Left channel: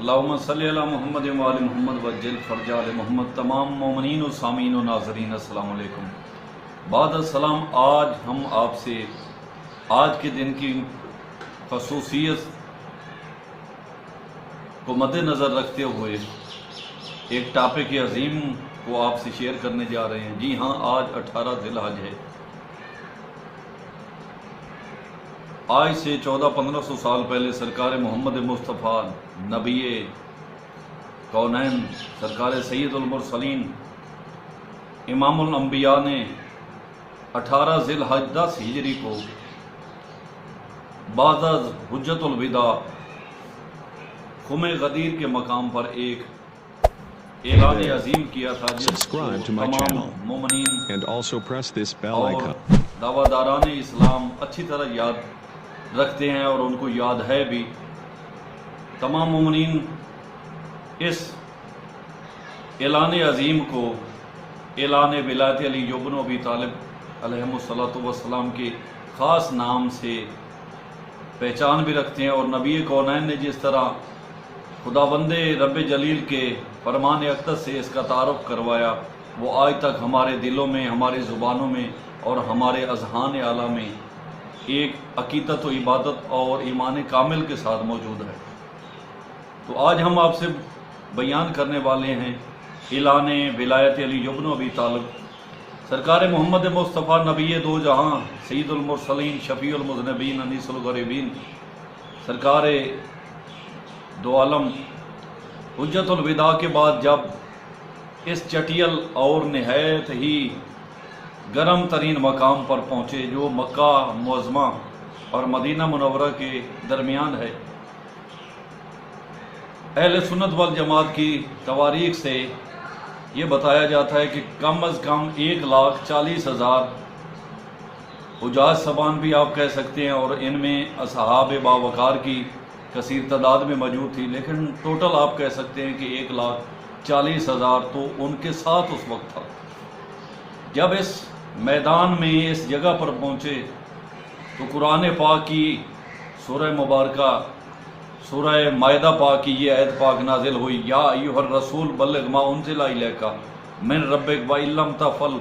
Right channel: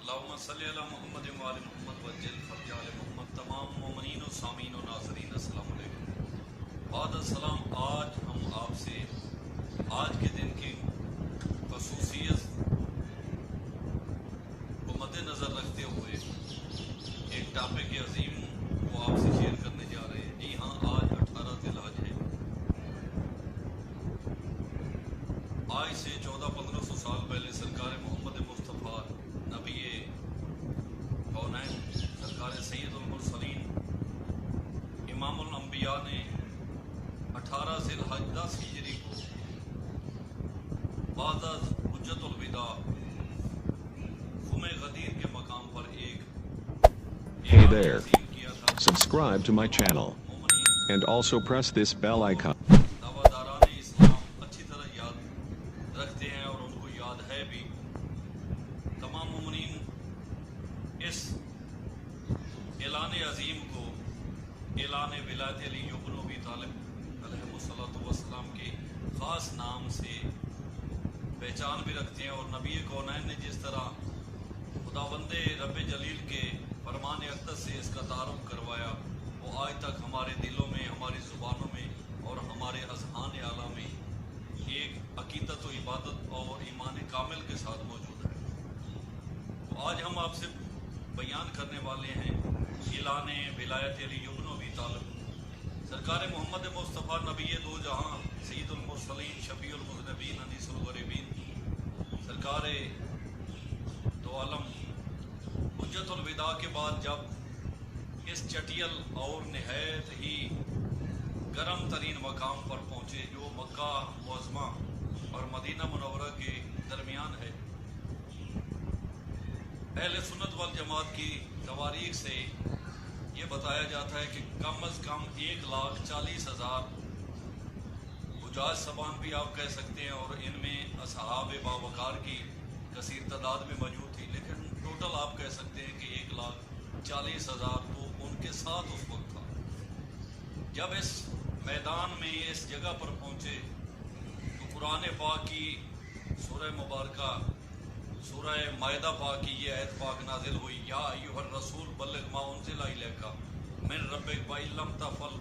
اللہم صلی علی محمد و آل محمد وجل فرج آل محمد۔ تمام مومنین و سامعین و ناظرین السلام علیکم۔ بعد السلام، آج ہم آپ سے آج کے دن کی خصوصیت کو مد نظر رکھتے ہوئے ایک ٹاپک عظیم کو آپ سے شیئر کرنے جا رہے ہیں۔ جی ہاں، آج 18 ذی الحج ہے۔ آج سے 1400-1500 سال پہلے سرکار محمد مصطفیٰ نبی کونین، سرکار سید المرسلین، امام الانبیاء نے 18 ذی الحج 10 ہجری کو بعد از حجت الوداع خم غدیر کے مقام پر ایک اعلان عظیم کیا تھا، Subscribe to my channel مومنین and also press this bell اور icon. دعواداران اسلام اچھی طرح یاد رکھتے ہیں اور ان کو یاد ہے بھی۔ تمام مومنین اس اعلان عظیم کو اعلان ولایت علی بن ابی طالب علیہ السلام کے خاص نام سے پہچان بھی رکھتے ہیں، اور نبی کونین نے جس طرح خداوند رب جلیل کے فرمان اقدس سے اس کا تعارف کروایا، وہ آج تک ہمارے دلوں میں، ہماری زبانوں میں اور ہمارے اذہان اعلیٰ میں ایک عقیدت و عبادت اور ایمان کامل کے ساتھ موجود ہے۔ تو آج ہم آپ سے بیان کرنے والے ہیں اعلان ولایت علی بن ابی طالب، سرکار محمد مصطفیٰ نبی دو جہاں، سید المرسلین، شفیع المذنبین، انیس الغریبین، سرکار دو عالم حجت الوداع کے بعد جب اس چٹیل اور نہایت ہی گرم ترین مقام پر پہنچے جو مکہ معظمہ اور مدینہ منورہ کے درمیان ہے، اہل سنت والجماعت کی تواریخ سے یہ بتایا جاتا ہے کہ کم از کم 1,40,000 حجاج سبان بھی آپ کہہ سکتے ہیں، اور ان میں اصحاب باوقار کی کثیر تعداد میں موجود تھی، لیکن ٹوٹل آپ کہہ سکتے ہیں کہ 1,40,000 تو ان کے ساتھ اس وقت تھا۔ جب اس میدان میں اس جگہ پر پہنچے تو قرآن پاک کی سورہ مبارکہ، سورہ مائدہ پاک کی یہ آیت پاک نازل ہوئی، یا ایھا الرسول بلغ ما انزل الیک من ربک وان لم تفعل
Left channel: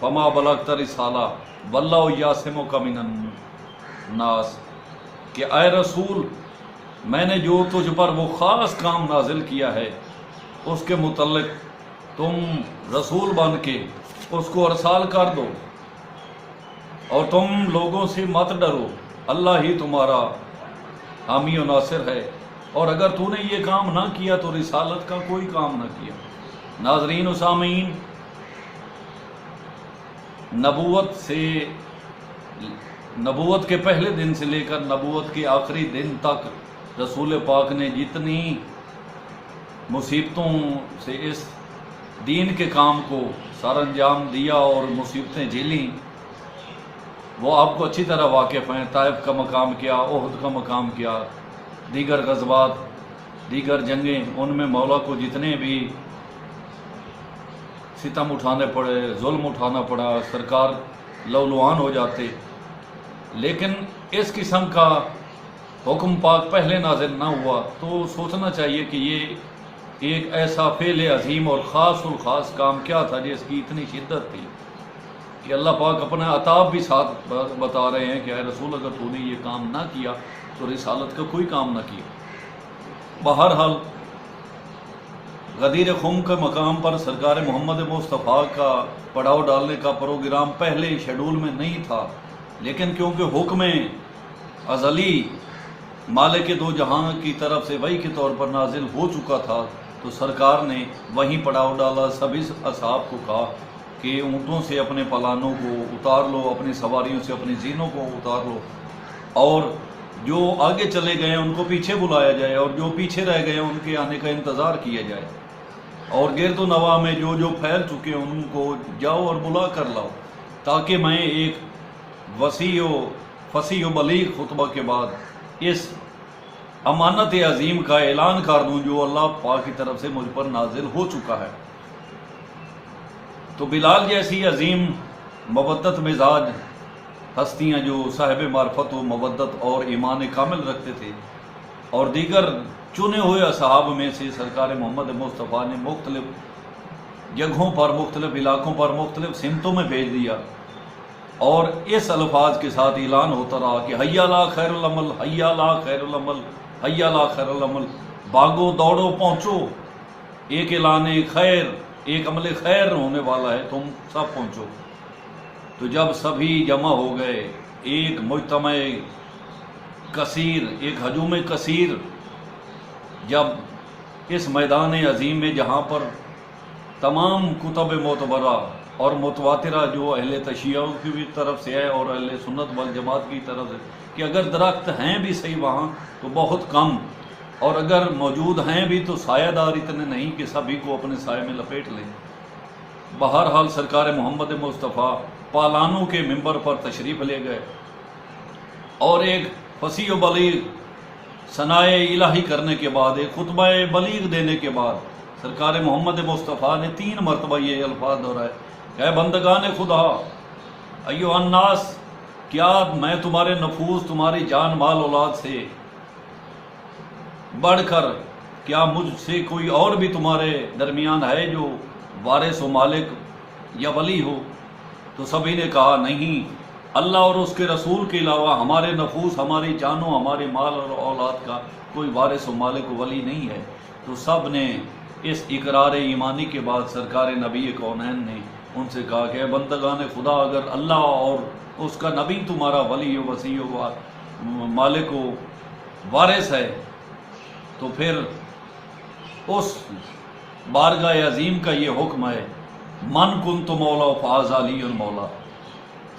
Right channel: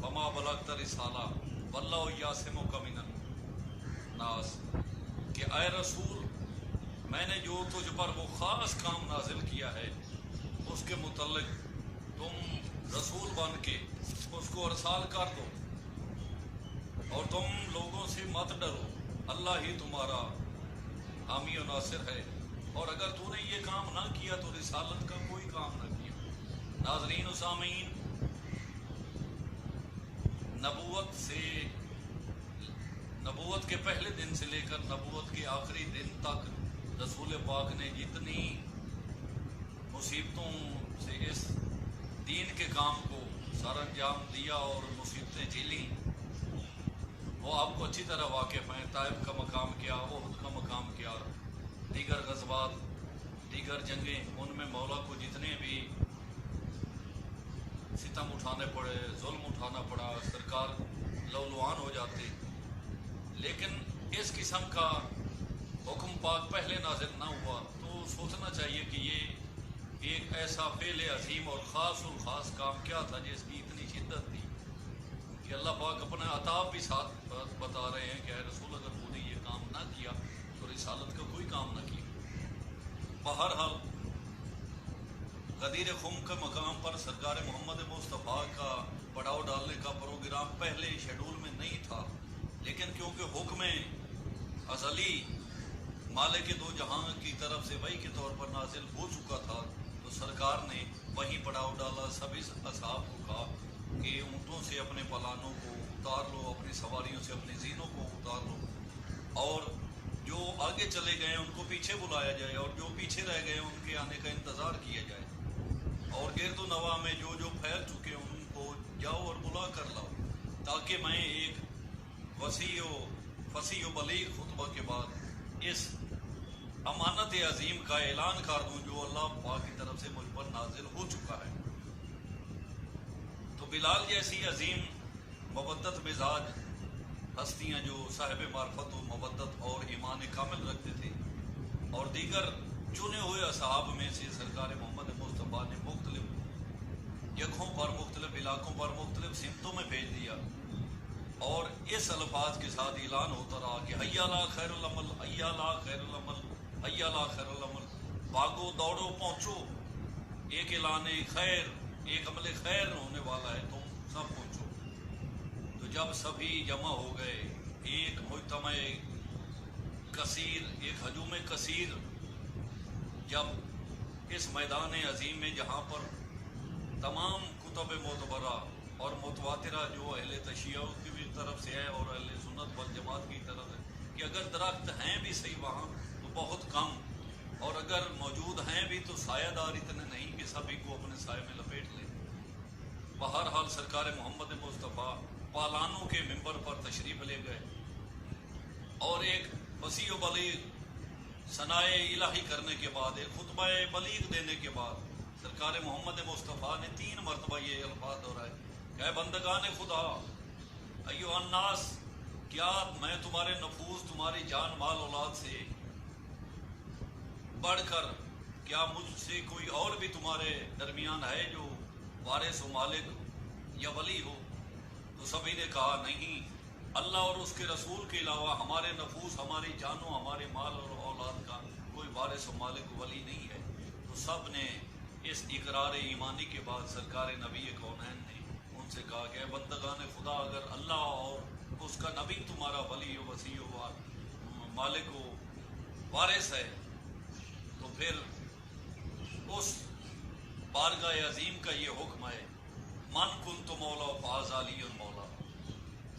فما بلغت رسالہ واللہ یعصمک من الناس، کہ اے رسول، میں نے جو تجھ پر وہ خاص کام نازل کیا ہے اس کے متعلق تم رسول بن کے اس کو ارسال کر دو، اور تم لوگوں سے مت ڈرو، اللہ ہی تمہارا حامی و ناصر ہے، اور اگر تو نے یہ کام نہ کیا تو رسالت کا کوئی کام نہ کیا۔ ناظرین و سامعین، نبوت کے پہلے دن سے لے کر نبوت کے آخری دن تک رسول پاک نے جتنی مصیبتوں سے اس دین کے کام کو سر انجام دیا اور مصیبتیں جھیلیں، وہ آپ کو اچھی طرح واقف ہیں۔ طائف کا مقام کیا، احد کا مقام کیا، دیگر غزوات، دیگر جنگیں، ان میں مولا کو جتنے بھی ستم اٹھانے پڑے، ظلم اٹھانا پڑا، سرکار لولوان ہو جاتے، لیکن اس قسم کا حکم پاک پہلے نازل نہ ہوا۔ تو سوچنا چاہیے کہ یہ ایک ایسا فعل عظیم اور خاص الخاص کام کیا تھا جس کی اتنی شدت تھی کہ اللہ پاک اپنا عطاب بھی ساتھ بتا رہے ہیں کہ اے رسول، اگر تو نے یہ کام نہ کیا تو رسالت کا کوئی کام نہ کیا۔ بہرحال غدیر خم کے مقام پر سرکار محمد مصطفیٰ کا پڑاؤ ڈالنے کا پروگرام پہلے شیڈول میں نہیں تھا، لیکن کیونکہ حکم ازلی مالک دو جہاں کی طرف سے وحی کے طور پر نازل ہو چکا تھا، تو سرکار نے وہیں پڑاؤ ڈالا۔ سبھی اصحاب کو کہا کہ اونٹوں سے اپنے پلانوں کو اتار لو، اپنی سواریوں سے اپنی زینوں کو اتار لو، اور جو آگے چلے گئے ان کو پیچھے بلایا جائے، اور جو پیچھے رہ گئے ان کے آنے کا انتظار کیا جائے، اور گرد و نواح میں جو جو پھیل چکے ہیں ان کو جاؤ اور بلا کر لاؤ، تاکہ میں ایک وسیع و فصیح و بلیغ خطبہ کے بعد اس امانت عظیم کا اعلان کر دوں جو اللہ پاک کی طرف سے مجھ پر نازل ہو چکا ہے۔ تو بلال جیسی عظیم مودت مزاج ہستیاں جو صاحب معرفت و مودت اور ایمان کامل رکھتے تھے، اور دیگر چنے ہوئے اصحاب میں سے سرکار محمد مصطفیٰ نے مختلف جگہوں پر، مختلف علاقوں پر، مختلف سمتوں میں بھیج دیا، اور اس الفاظ کے ساتھ اعلان ہوتا رہا کہ حی لا خیر العمل، حی لا خیر العمل، حی لا خیر العمل، بھاگو دوڑو پہنچو، ایک اعلان خیر، ایک عمل خیر ہونے والا ہے، تم سب پہنچو۔ تو جب سبھی جمع ہو گئے، ایک مجتمع کثیر، ایک ہجوم کثیر جب اس میدان عظیم میں، جہاں پر تمام کتب معتبرہ اور متواترہ جو اہل تشیع کی بھی طرف سے ہے اور اہل سنت والجماعت کی طرف سے، کہ اگر درخت ہیں بھی صحیح وہاں تو بہت کم، اور اگر موجود ہیں بھی تو سایہ دار اتنے نہیں کہ سبھی کو اپنے سائے میں لپیٹ لیں۔ بہرحال سرکار محمد مصطفیٰ پالانوں کے ممبر پر تشریف لے گئے، اور ایک فصیح و بلیغ ثنائے الہی کرنے کے بعد، ایک خطبہ بلیغ دینے کے بعد، سرکار محمد مصطفیٰ نے 3 مرتبہ یہ الفاظ دہرائے کہ اے بندگان خدا، ایھا الناس، کیا میں تمہارے نفوس، تمہاری جان مال اولاد سے بڑھ کر، کیا مجھ سے کوئی اور بھی تمہارے درمیان ہے جو وارث و مالک یا ولی ہو؟ تو سبھی نے کہا نہیں، اللہ اور اس کے رسول کے علاوہ ہمارے نفوس، ہماری جانوں، ہمارے مال اور اولاد کا کوئی وارث و مالک و ولی نہیں ہے۔ تو سب نے اس اقرار ایمانی کے بعد سرکار نبی کونین نے ان سے کہا کہ اے بندگان خدا، اگر اللہ اور اس کا نبی تمہارا ولی و وصی و مالک و وارث ہے، تو پھر اس بارگاہ عظیم کا یہ حکم ہے، من کنت مولا فہذا علی المولا۔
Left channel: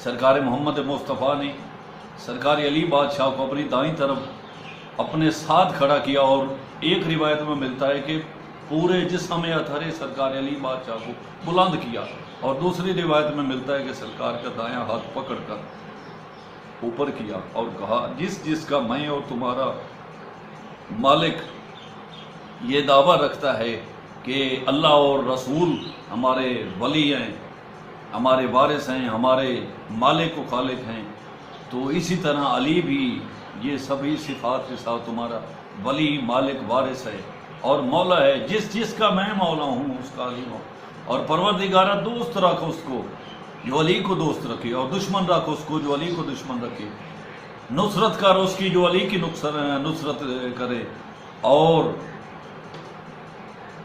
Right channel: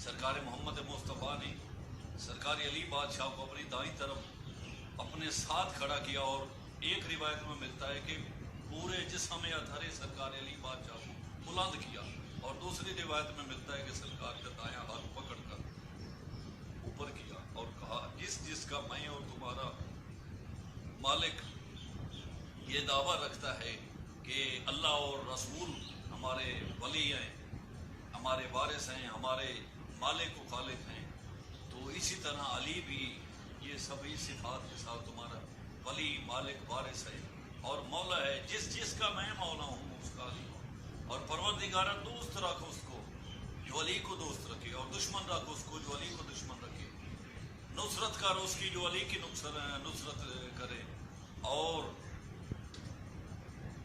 سرکار محمد مصطفیٰ نے سرکار علی بادشاہ کو اپنی دائیں طرف اپنے ساتھ کھڑا کیا، اور ایک روایت میں ملتا ہے کہ پورے جسم اطہر سرکار علی بادشاہ کو بلند کیا، اور دوسری روایت میں ملتا ہے کہ سرکار کا دایاں ہاتھ پکڑ کر اوپر کیا اور کہا، جس جس کا میں اور تمہارا مالک یہ دعویٰ رکھتا ہے کہ اللہ اور رسول ہمارے ولی ہیں، ہمارے وارث ہیں، ہمارے مالک و خالق ہیں، تو اسی طرح علی بھی یہ سبھی صفات کے ساتھ تمہارا ولی، مالک، وارث ہے اور مولا ہے۔ جس جس کا میں مولا ہوں اس کا علی ہوں، اور پروردگارہ دوست رکھ اس کو جو علی کو دوست رکھے، اور دشمن رکھ اس کو جو علی کو دشمن رکھے، نصرت کر اس کی جو علی کی نصرت کرے، اور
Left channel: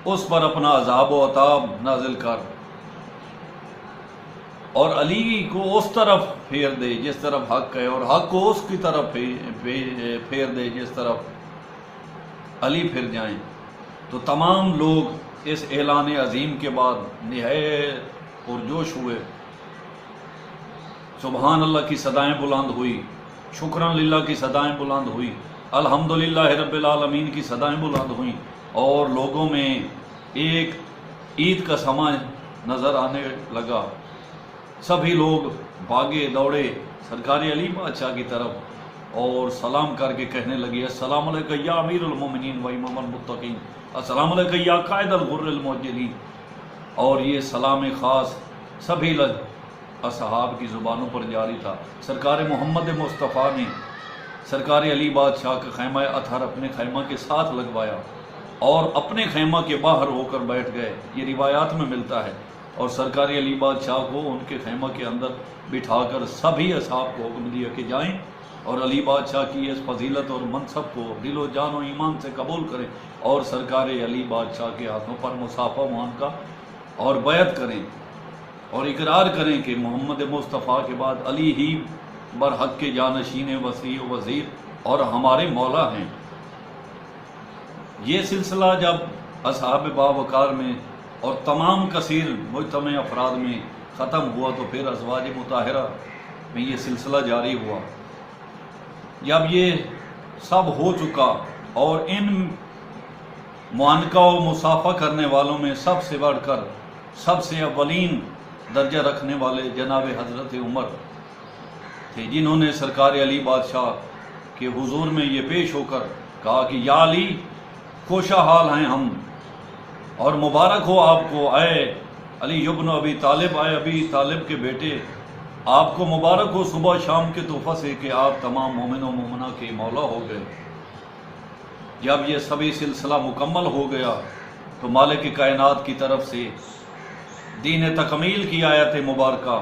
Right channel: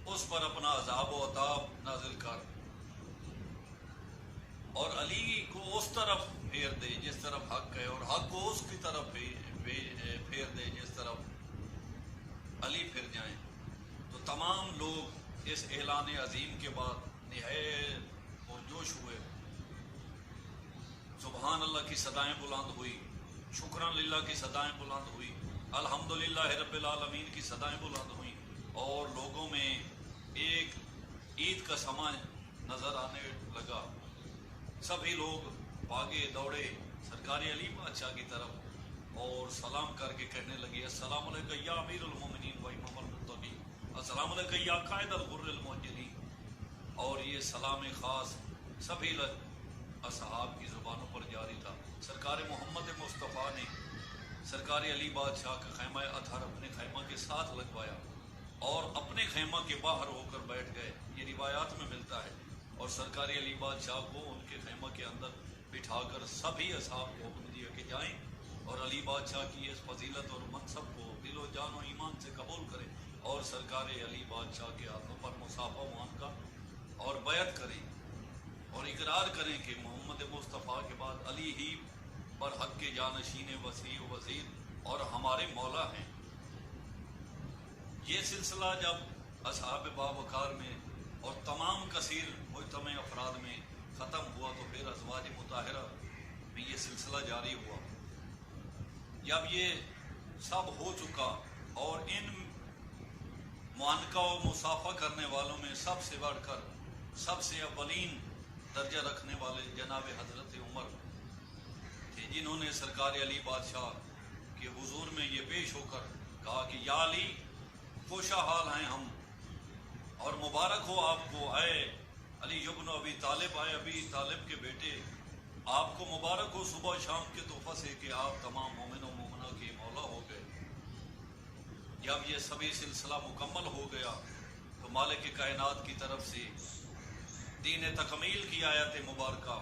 اس پر اپنا عذاب و عطاب نازل کر، اور علی کو اس طرف پھیر دے جس طرف حق ہے، اور حق کو اس کی طرف پھیر دے جس طرف علی پھر جائیں۔ تو تمام لوگ اس اعلان عظیم کے بعد نہایت پرجوش ہوئے، سبحان اللہ کی صدائیں بلند ہوئی، شکران للہ کی صدائیں بلند ہوئی، الحمدللہ رب العالمین کی صدائیں بلند ہوئیں، اور لوگوں میں ایک عید کا سماں نظر آنے لگا۔ سبھی لوگ بھاگے دوڑے سرکار علی بادشاہ کی طرف اور سلام کر کے کہنے لگے، السلام علیکہ یا امیر المومنین و امام المتقین، السلام علیکہ یا قائد الغر المحجلین۔ اور یہ سلام خاص سبھی اصحاب کی زبانوں پر جاری تھا۔ سرکار محمد مصطفیٰ نے سرکار علی بادشاہ کا خیمہ اطہر اپنے خیمہ کے ساتھ لگوایا، اور اپنے خیمہ کے باہر ہو کر بیٹھ گئے، یہ روایات میں ملتا ہے، اور سرکار علی بادشاہ کو ان کے خیمہ کے اندر بٹھا کر سبھی اصحاب کو حکم دیا کہ جائیں اور علی بادشاہ کی اس فضیلت اور منصب کو دل و جان و ایمان سے قبول کریں، اور سرکار علی بادشاہ کے ہاتھوں پر مصافحہ معانقہ اور بیعت کریں، اور اقرار کریں کہ محمد مصطفیٰ کے بعد علی ہی برحق کے جانشین وصی و وزیر اور ہمارے مولا ہیں۔ یہ سلسلہ جب اصحاب باوقار میں اور تمام کثیر مجتمع افراد میں ختم ہوا، تو پھر ازواج مطہرہ میں یہ سلسلہ جاری ہوا۔ جب یہ سب ہو چکا، اور ان معانقہ و مصافحہ کرنے والوں میں سب سے بڑھ کر سب سے اولین درجہ رکھنے والے جناب حضرت عمر تھے، جنہوں نے سرکار علی بادشاہ کے حضور میں یہ پیش ہو کر کہا کہ یا علی، خوشا حال ہیں ہم، اور مبارک ہو آپ کو اے علی ابن ابی طالب، اے ابی طالب کے بیٹے، آپ کو مبارک ہو صبح شام کے تحفہ سے کہ آپ تمام مومن و مومنہ کے مولا ہو گئے۔ جب یہ سبھی سلسلہ مکمل ہو گیا تو مالک کائنات کی طرف سے دین تکمیل کی آیت مبارکہ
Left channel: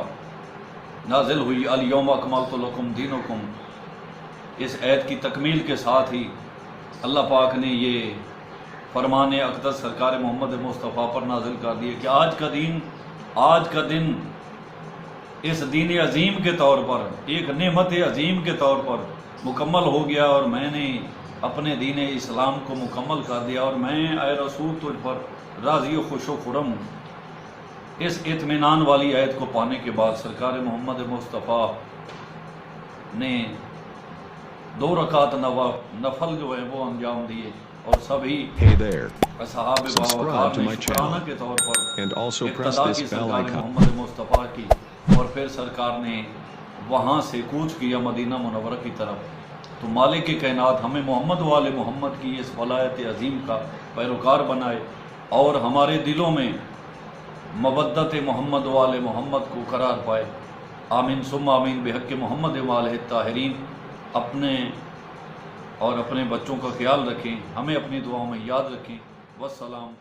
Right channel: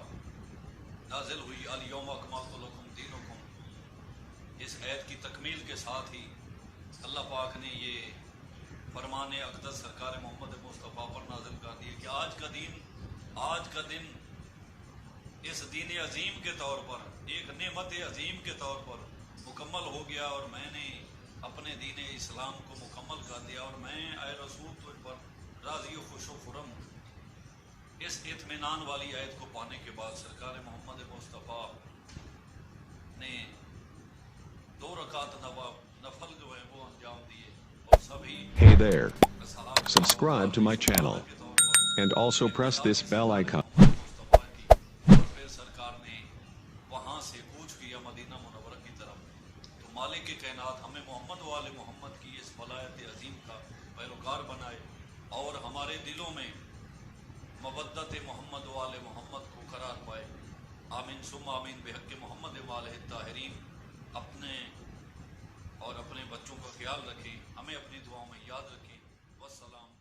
نازل ہوئی، الیوم اکملت لکم دینکم۔ اس آیت کی تکمیل کے ساتھ ہی اللہ پاک نے یہ فرمان اقدس سرکار محمد مصطفیٰ پر نازل کر دیے کہ آج کا دن اس دین عظیم کے طور پر، ایک نعمت عظیم کے طور پر مکمل ہو گیا، اور میں نے اپنے دین اسلام کو مکمل کر دیا، اور میں اے رسول تجھ پر راضی و خوش و خرم ہوں۔ اس اطمینان والی آیت کو پانے کے بعد سرکار محمد مصطفیٰ نے 2 رکعت نفل جو ہے وہ انجام دیے، اور سبھی Hey there. اصحاب Subscribe to my channel کے طور پر and also press اقتدا this کی bell سرکار icon. محمد مصطفیٰ کی، اور پھر سرکار نے وہاں سے کوچ کیا مدینہ منورہ کی طرف۔ تو مالک کائنات ہمیں محمد و آل محمد کی اس ولایت عظیم کا پیروکار بنائے، اور ہمارے دلوں میں مودت محمد و آل محمد کو قرار پائے۔ آمین ثم آمین بحق محمد و آلہ الطاہرین۔ اپنے اور اپنے بچوں کا خیال رکھیں، ہمیں اپنی دعاؤں میں یاد رکھیں۔ والسلام۔